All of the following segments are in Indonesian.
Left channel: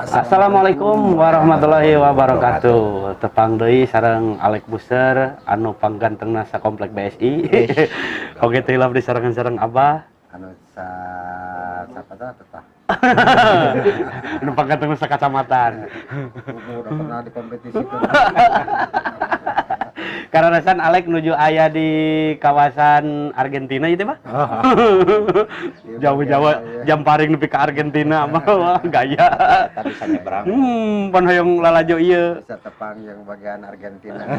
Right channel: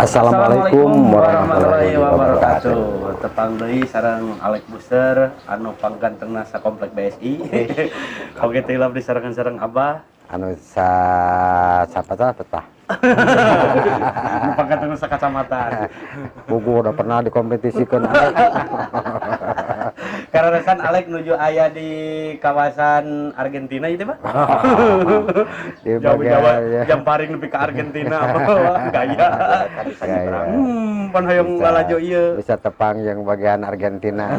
Assalamualaikum warahmatullahi wabarakatuh. Tepang deui sareng Alek Buser anu panggantengna sa komplek BSI. Oge teh di sareng-sareng Abah. Anu siapa tah? Anu panggantengna sa kacamatan. Buku udah pernah dikompetisikan. Karena san Alek nuju aya di kawasan Argentina itu, Pak. Jauh-jauh jam paring nepi ka Argentina mah gaya. Pan hoyong lalajo ieu. Bisa tepang yang bagian Argentina.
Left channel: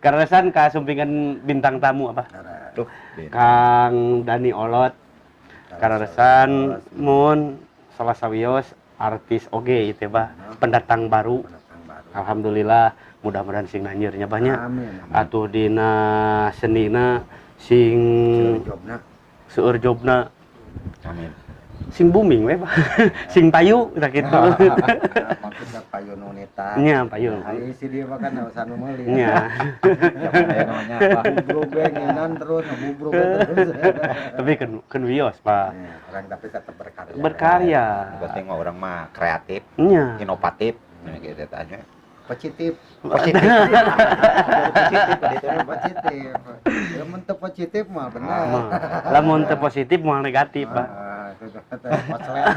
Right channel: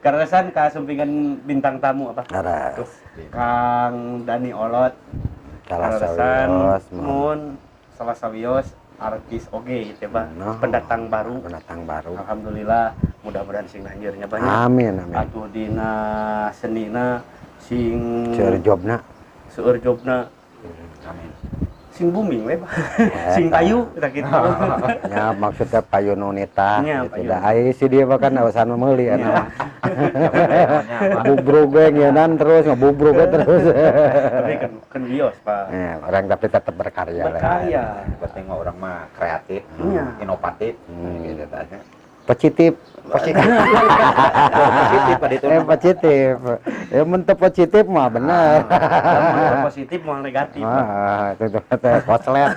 Karena san kasumpingan bintang tamu apa? Kang Dani Olot. Karena san mun salah sawios artis oge itu bah pendatang baru. Alhamdulillah mudah-mudahan sing nanyirnya banyak. Amin. Atuh dina senina sing seueur jobna. Amin. Sing booming we bah. Sing payu da kitu. Ya maksudnya payu nunita. Nya payu. Ai si dia bahkan usaha meuli ya. Bubrug ngeunaan terus ngabubrug terus. Tapi kan wios, Pak. Ya, orang tapi tetap berkarya. Berarti mah orang mah kreatif, inovatif, gitu aja. Positif. Positif pada itu. Positif. Ya mentep positif mah bener. Lamun positif mah negatif, Pak. Itu teh koslet.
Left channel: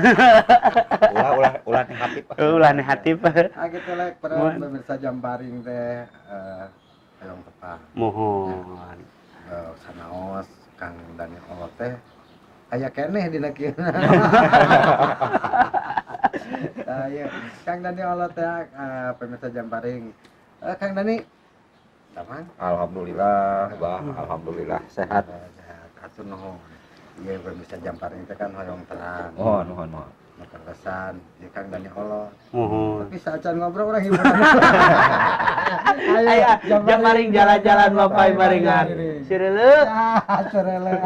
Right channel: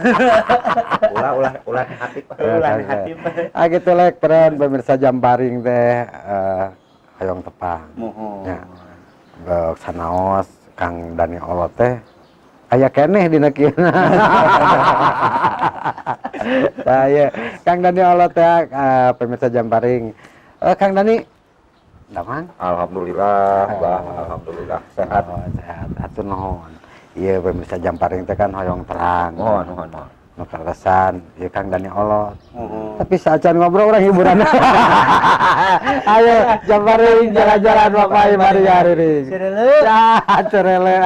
Ulah negatif. Ulah negatif. Gitu lek peran pemirsa Jamparing teh hayong tepang. Mohon. Sanaos Kang Dani Olot teh aya keneh dina kieu. Saya Kang Dani Olot teh pemirsa Jamparing. Kang Dani damang? Alhamdulillah, alhamdulillah sehat. Sehat. Atuh nuhun. Iya pemirsa Jamparing teh kan hoyong terang. Mohon. Nukalesan, ya Kang Dani Olot. Tapi saacan ngobrol orang hiburan. Ayo Jamparing jalan-jalan bapak hari ini. Cirele.